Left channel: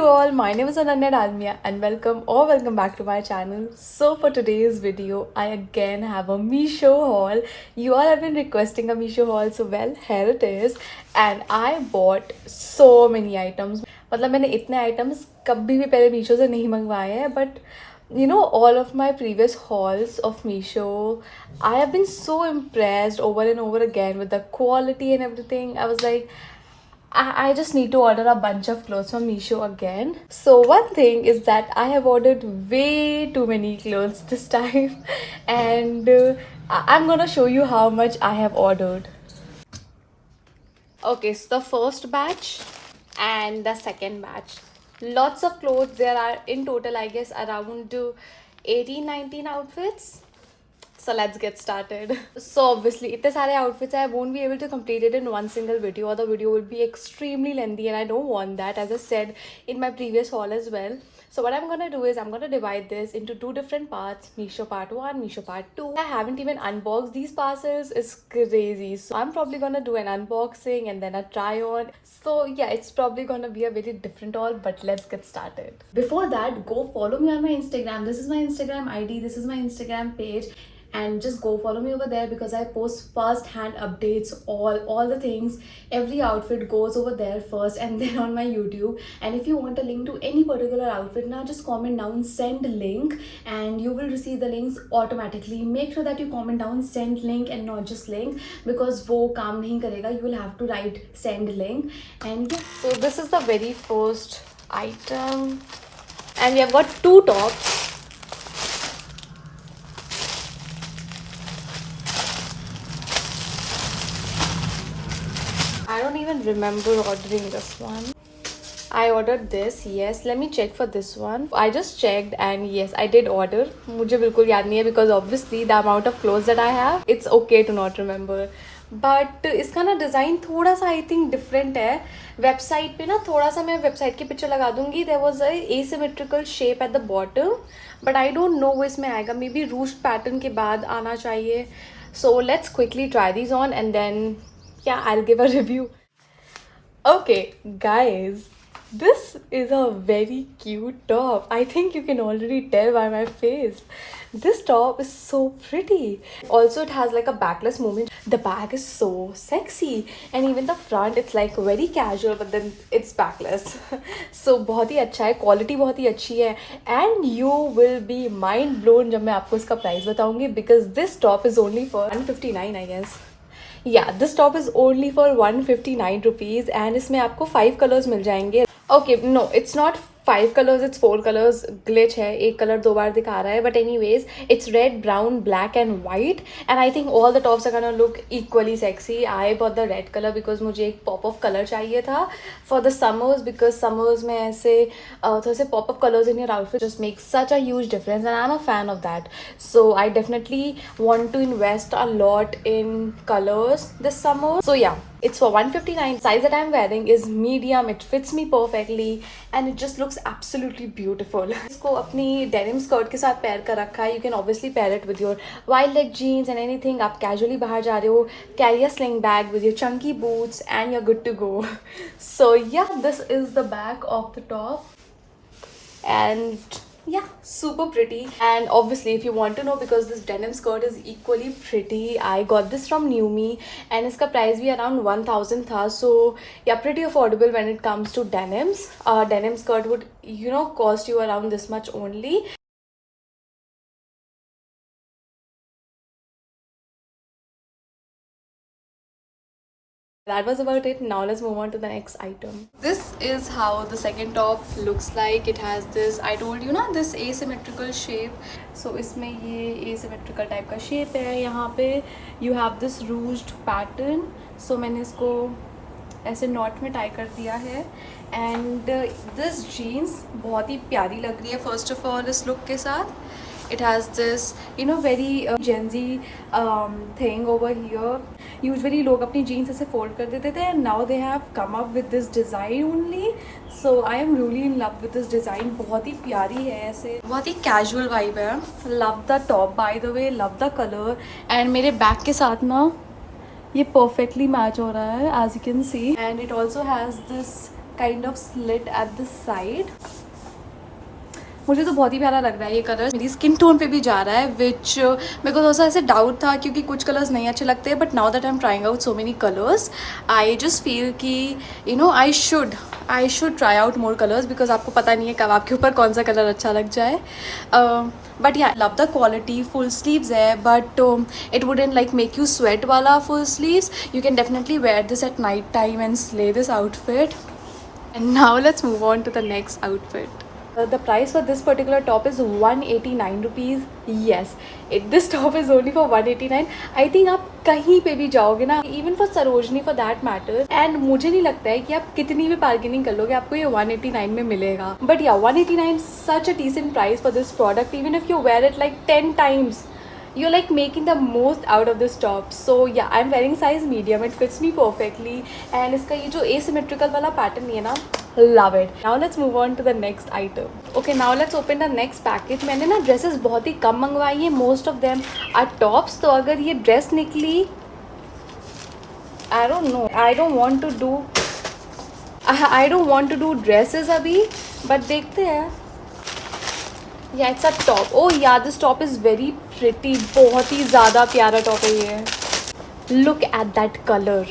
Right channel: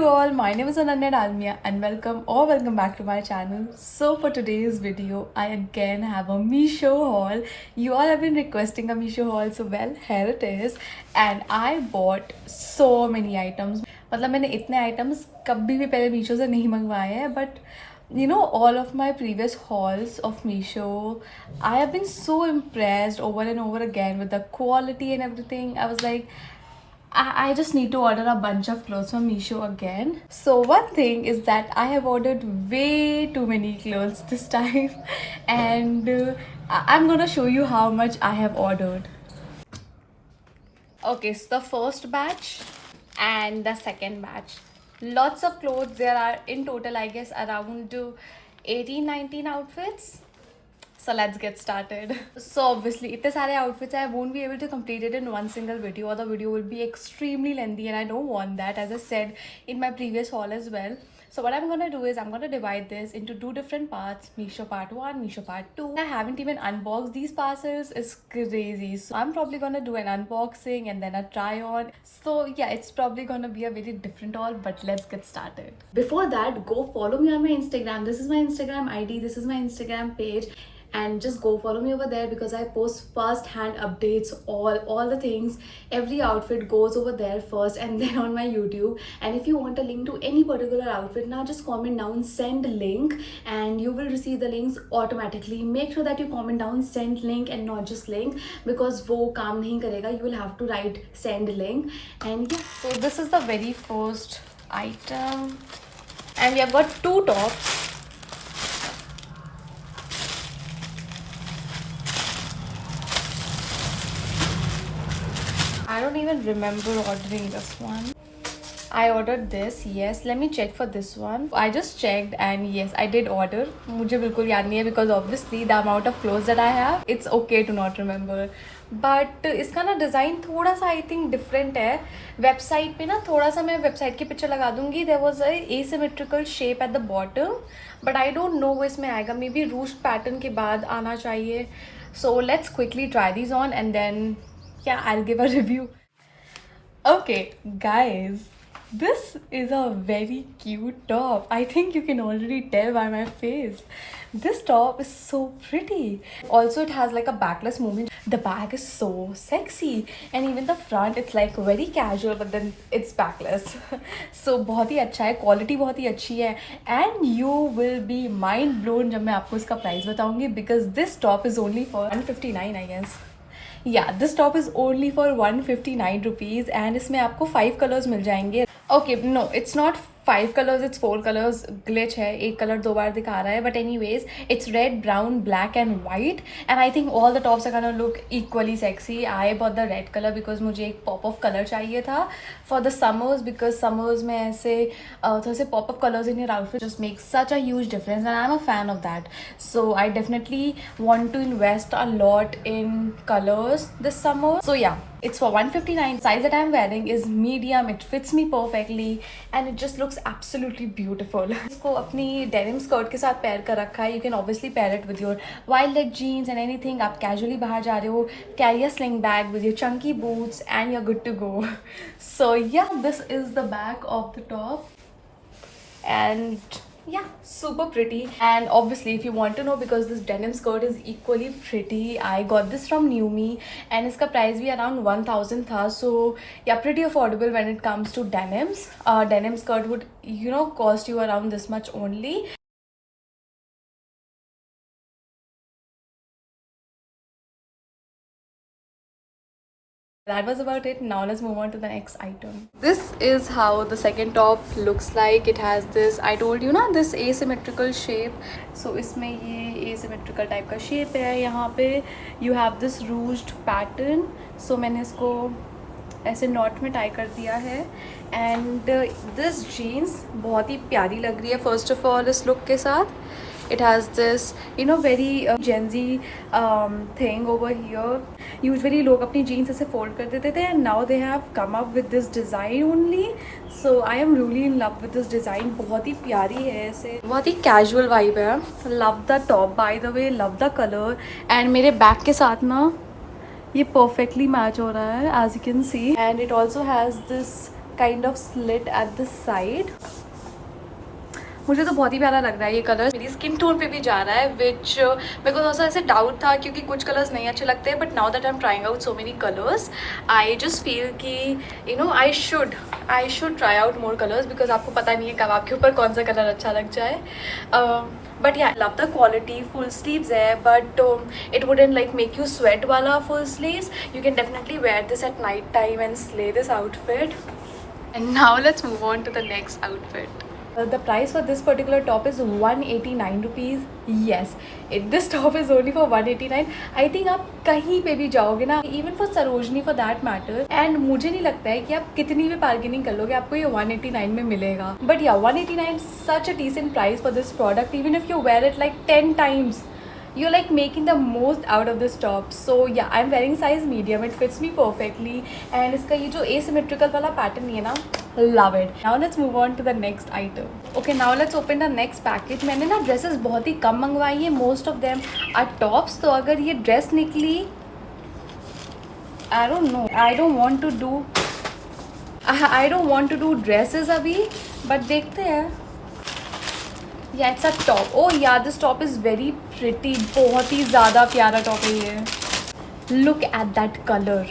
you all, my name is Ananya Dalmia and welcome back to my channel. So for today's video, I again have a Meesho haul. You all have been requesting a Meesho haul, so well, here it is. And I bought so many items. मतलब मैंने इतने items कभी भी पहले Meesho से नहीं मंगवाए हैं, but you know, all of my previous hauls of Meesho, I have been so impressed over and over again with the quality and everything. I was like, I just need to order a bunch of clothes from Meesho again. So one thing is that I have ordered way too many clothes this time and I'm gonna show you how much I have ordered. Okay, so the first batch and the second batch. Lots of clothes. There are in total, I guess, around 18-19 outfits. So let's get started. So obviously, इतने सारे outfits I won't be able to complete it in one single video, or the video will be extremely lengthy, and I don't want that, as I said in my previous haul as well. So what I'm gonna do is I'm gonna divide this into two different parts: Meesho part 1, Meesho part 2. I haven't even unboxed these parcels. It's crazy. So I'm probably gonna do an unboxing and then a try on. So yeah, it's probably gonna be a very different haul, but let's get started. Before that, go follow me on my Instagram. This is my Instagram ID. This is my Instagram page. And just go follow me over there because I post first hand updates, all the things, every outfit goes over there first and then on my YouTube. And if you want a link to any particular outfit, now just comment down send link and you will receive the links automatically. Make sure that you comment down send link and not just link, because wo kaam nahi karega. You will have to write send link. And yeah, so this is the very first item and we have got two tops. I don't even remember ordering this one. I ordered this, yes. Let me check for this one. I just checked and yes, I did order. मुझे बिल्कुल याद नहीं है because obviously the amount of clothes that I have, it's okay to not remember. But इसका ना design थोड़ा सा I think different है. वेबसाइट पे ना थोड़ा सा मैं वेबसाइट की पिक्चर लगा दूंगी. There was a asymmetrical shape at the bottom, but I don't know वो इसमें आएगा. Maybe ruched pattern के बाद आना चाहिए. So let's quickly try these on and then yeah, I'll give a review. Okay, guys, this is a very cute top. I think you can already tell by my face. This top is so pretty. Also, it has like a backless movement. The back is so sexy, and even the front, it's like very casual, but then it's backless. So बहुत ही अच्छा है, quality बहुत ही अच्छी है, and you will be mind blown जब मैं आपको इसका price बताऊंगी, because this top is only for 159, I guess. Yeah, this top is only for 159 rupees and इसमें आपको 5 colors मिल जाएंगे. Okay, no, it's not 5 colors, it's 4 colors. Glitch है, एक color दो बार दिखा रहा है. But anyways, it's red, brown, black and white. And I think all the tops are gonna look equally sexy. I bought the red color because मुझे एक pop of color चाहिए था for the summers, because summers में ऐसे थोड़े से pop of colors in your outfit just makes such a huge difference and I'm a fan of that. So I definitely want to invest a lot in colors this summer. So yeah, it's for 159. Size that I'm wearing is medium. It fits me perfectly and it just looks absolutely beautiful. इसको अपनी denim skirt के साथ pair कर रखा है. You can obviously pair it with your wide leg jeans and anything. आप casually बाहर जा रहे हो, carry a sling bag with your chunky boots and you're good to go. So yeah, this is the back of the top and yeah, super pretty. And obviously if you want to know, because this denim skirt is equally pretty, I got this from Newme and its price भी around 1000 था. So yeah, pretty affordable when it comes to denims. Denim skirt would, you know, cost you around this much only. That was about it. Now let's move on to the next item. This is how the second top looks like. It has this, I told you na, this asymmetrical shape. So इसमें ये asymmetrical type का shape है. यहाँ पे you have this ruched pattern. So मैंने इसको ऐसे knot में tie कर दिया है. And this jeans बहुत ही प्यारी लग रही है. First of all, इस look के साथ it has this, you know, very Gen Z thing over here. Usually लोग अपनी jeans ऐसे fold कर देते थे and now they have come up with this design only. So I am really in love with this design. बहुत ही प्यारी है, ऐसे बहुत ही casual vibe है. Love the top, by the way, love the color. And मेरे back के साथ ना ये perfectly match हो रहा है, as you can see. And it also has this kind of slit at the side. मुझे तो बहुत ही प्यारा लग रहा है ये कलर. मेरी स्किन टोन पे भी जा रहा है, विच मेरे को थोड़ा सा ऐसे डाउट था क्योंकि कुछ कलर्स नहीं अच्छे लगते, but now that I am trying out so many colours, I just feel कि you know I should try out more colours, because आपको पता नहीं है कब आपके ऊपर कौन सा कलर अच्छा लग जाए. But yeah love the quality. Full sleeves है, but it wouldn't like make you sweat वाला full sleeves. You can definitely wear this at night time and slay this outfit. And now let's move on to the next outfit. The price for this particular top is 189 rupees. Yes, this top is only for 189. I think आप कहीं पे भी जाओगे ना, even for Sarojini for that matter, and मुझे नहीं लगता है कि आप कितनी भी bargaining कर लोगे आपको ये 189 में मिलेगा. But yeah, 189 such a decent price for this product. Even if you wear it like 10 times, you're like making the most out of this top. So yeah, I'm wearing size medium. It fits me perfectly. And इसका ये जो asymmetrical वाला pattern है ना, love it. Now let's move on to the next item. Okay, now let's open the next package. मैंने ना dresses बहुत ही कम मंगवाई है. Most of them are tops. तो अगर ये dress निकली, I don't know. I don't want to do dresses अभी, but देखते हैं. Yeah, it's a top. Oh yeah, this top is very pretty. बहुत ही ज़्यादा प्यारा top है ये. Look at that color.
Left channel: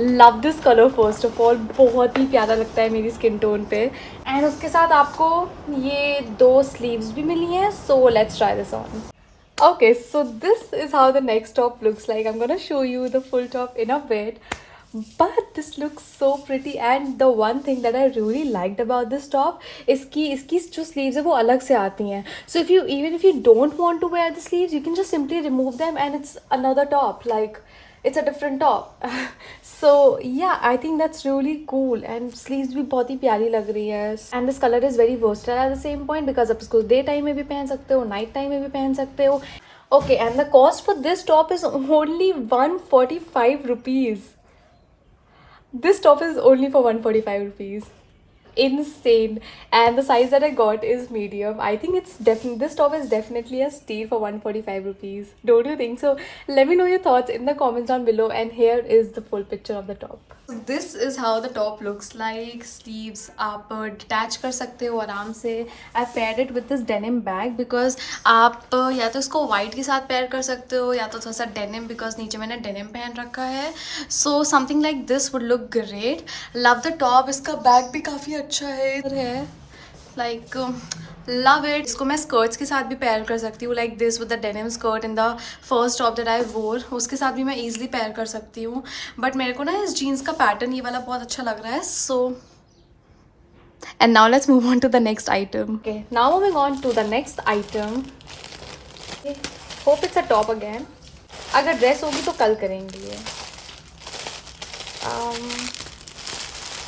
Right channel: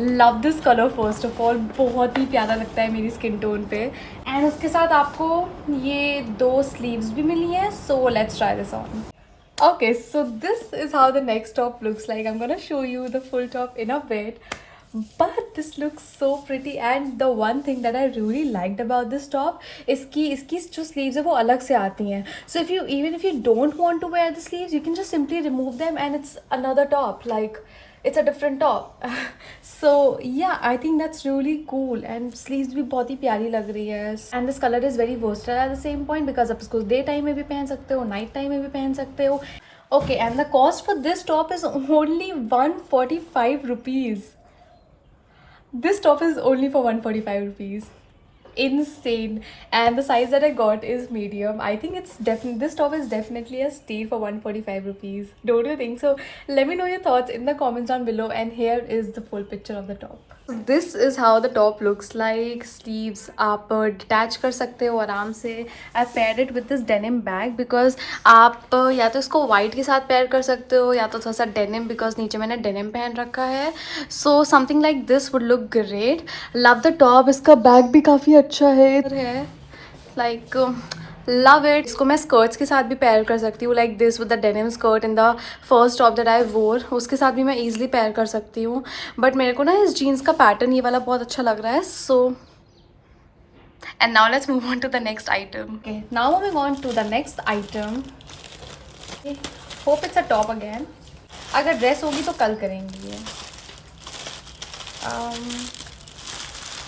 Love this colour first of all. बहुत ही प्यारा लगता है मेरी स्किन टोन पे. एंड उसके साथ आपको ये 2 स्लीव्स भी मिली हैं. So let's try this on. Okay, so this is how the next top looks like. I'm gonna show you the full top in a bit. But this looks so pretty, and the one thing that I really liked about this top, इसकी जो sleeves है वो अलग से आती हैं. So even if you don't want to wear the sleeves, you can just simply remove them and it's another top. Like, it's a different top. So yeah, I think that's really cool. And sleeves भी बहुत ही प्यारी लग रही है. And this color is very versatile at the same point, because आप इसको day time में भी पहन सकते हो, night time में भी पहन सकते हो. Okay, and the cost for this top is only 145 rupees. This top is only for 145 rupees. Insane. And the size that I got is medium. I think this top is definitely a steal for 145 rupees. Don't you think so? Let me know your thoughts in the comments down below. And here is the full picture of the top. So this is how the top looks like. Sleeves आप detach कर सकते हो आराम से. I paired it with this denim bag because आप या तो इसको white के साथ pair कर सकते हो या तो थोड़ा सा denim, because नीचे मैंने denim पहन रखा है. So something like this would look great. Love the top. इसका bag भी काफ़ी अच्छा है. Like love it. इसको मैं skirts के साथ भी pair कर सकती हूँ, like this with the denim skirt in the first top that I wore. उसके साथ भी मैं easily pair कर सकती हूँ. But मेरे को ना इस jeans का pattern ये वाला बहुत अच्छा लग रहा है. So and now let's move on to the next item. Okay, now moving on to the next item. Okay. Hope it's a top again. अगर dress होगी तो कल करेंगे ये.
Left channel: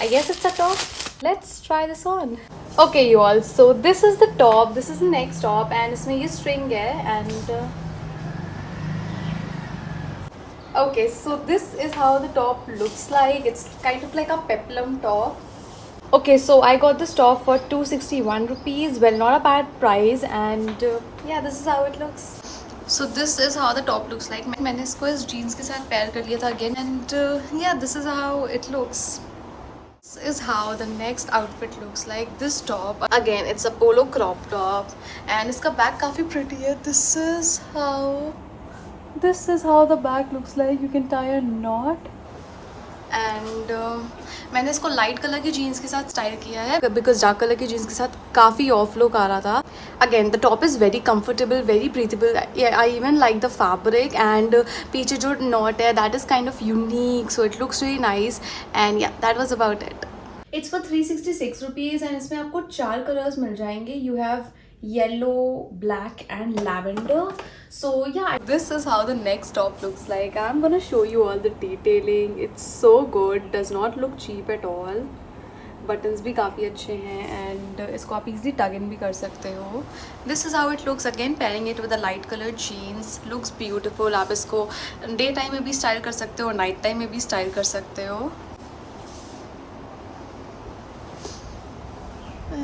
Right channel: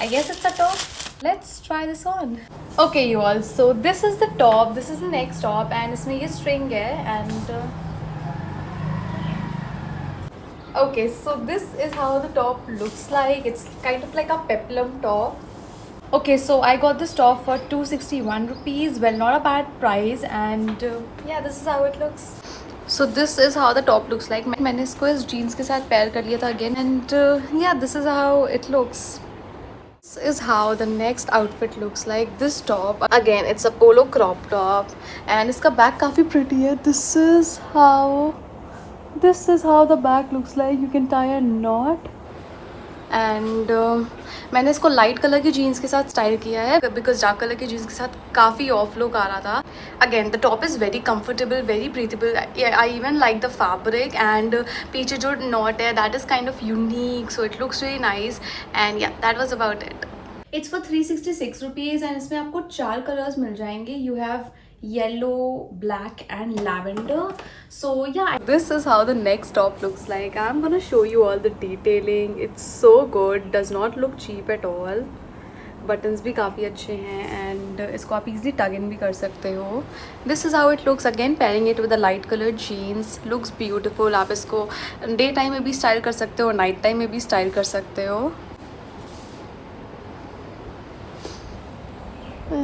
I guess it's a top. Let's try this on. Okay you all, so this is the top, this is the next top, and इसमें ये string है. And okay, so this is how the top looks like. It's kind of like a peplum top. Okay, so I got this top for 261 rupees. Well, not a bad price. And yeah, this is how it looks. So this is how the top looks like. मैंने इसको इस jeans के साथ pair कर लिया था again. And yeah, this is how it looks. This is how the next outfit looks like. This top again, it's a polo crop top, and इसका back काफ़ी pretty है. This is how the back looks like. You can tie a knot. And मैंने इसको light colour की jeans के साथ style किया है, बिकॉज डार्क कलर की जीन्स के साथ काफ़ी ऑफ लुक आ रहा था. Again the top is very comfortable, very breathable. I even like the fabric. And पीछे जो नॉट है that is kind of unique, so it looks very nice. And yeah that was about it. It's for 366 rupees. And इसमें आपको 4 colours मिल जाएंगे. You have yellow, black and lavender. So yeah, this is how the next top looks like. I'm gonna show you all the detailing. It's so good, does not look cheap at all. Buttons भी काफ़ी अच्छे हैं and इसको आप easily tuck in भी कर सकते हो. This is how it looks. Again, pairing it with a light colored jeans, looks beautiful. आप इसको day time में भी style कर सकते हो, night time में भी style कर सकते हो.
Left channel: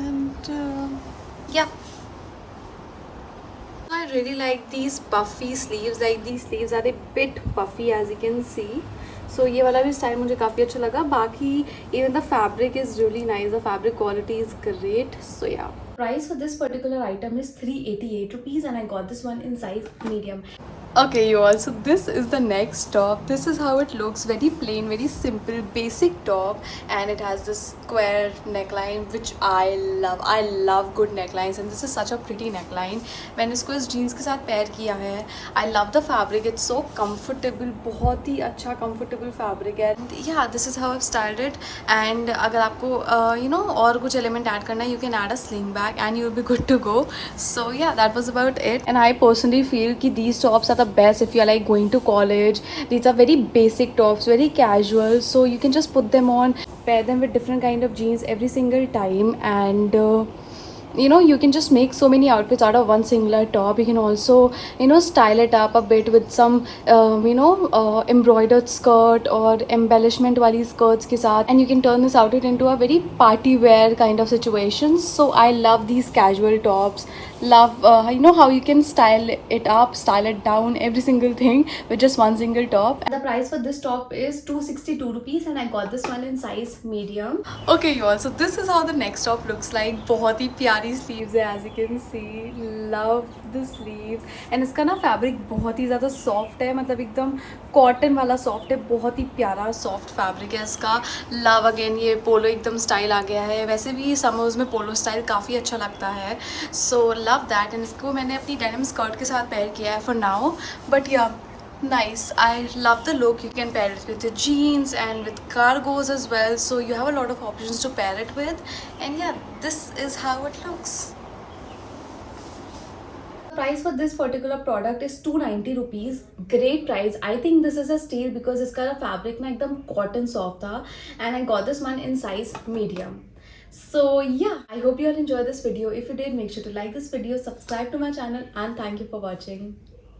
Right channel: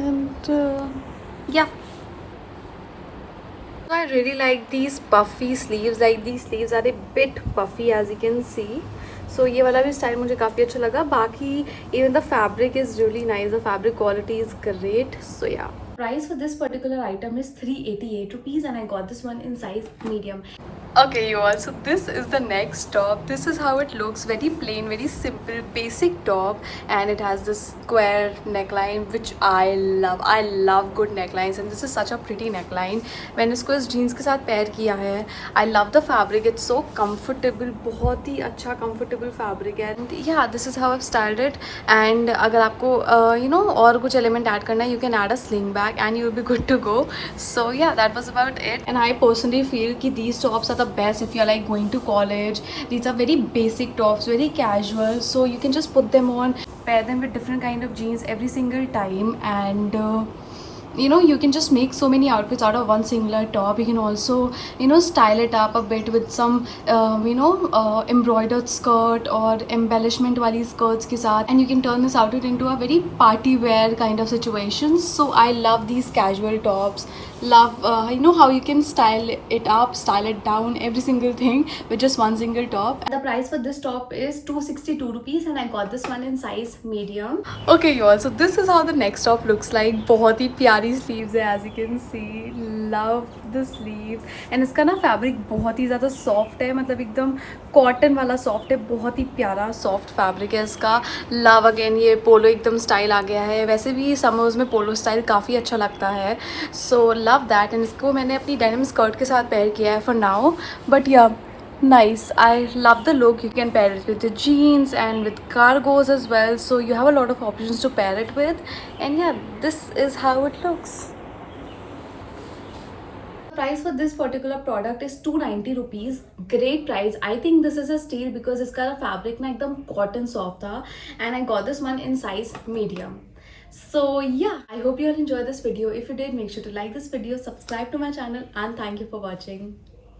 And yeah, I really like these puffy sleeves. Like, these sleeves are a bit puffy, as you can see. सो ये वाला भी स्टाइल मुझे काफ़ी अच्छा लगा. बाकी even the fabric is really nice, the fabric quality is great. So yeah, price for this particular item is 388 rupees and I got this one in size medium. Okay you all, so this is the next top. This is how it looks, very plain, very simple, basic top, and it has this square neckline which I love. I love good necklines and this is such a pretty neckline. मैंने इसको इस jeans के साथ pair किया है. I love the fabric, it's so comfortable, बहुत ही अच्छा comfortable fabric है. And yeah, this is how I've styled it. And अगर आपको you know और कुछ element add करना है, you can add a sling bag and you'll be good to go. So yeah, that was about it. And I personally feel कि these tops are the best if you're like going to college. These are very basic tops, very casual, so you can just put them on, pair them with different kind of jeans every single time, and you know, you can just make so many outfits out of one singular top. You can also, you know, style it up a bit with some you know, embroidered skirt or embellishment wali skirts ke sath, and you can turn this outfit into a very party wear kind of situation. So I love these casual tops. Love you know how you can style it up, style it down, every single thing with just one single top. The price for this top is 262 rupees and I got this one in size medium. Okay you all, so this is how the next top looks like. बहुत ही प्यारी sleeves है, as you can see. Love the sleeves. And इसका ना fabric बहुत ही ज़्यादा soft है, मतलब एकदम cotton वाला soft है, बहुत ही प्यारा soft fabric है इसका. Love again, ये polo एकदम style आ गया है. वैसे भी summers में polo style काफ़ी अच्छा लगता है. So love that. And इसको मैंने अपनी denim skirt के साथ pair किया है for now. But yeah, nice. I love the look. You can pair it with the jeans and with cargos as well, so you have a lot of options to pair it with. And yeah, this is how it looks. Price for this particular product is 290 rupees. Great price. I think this is a steal because इसका fabric ना एकदम cotton soft था, and I got this one in size medium. So yeah, I hope you all enjoyed this video. If you did, make sure to like this video, subscribe to my channel, and thank you for watching.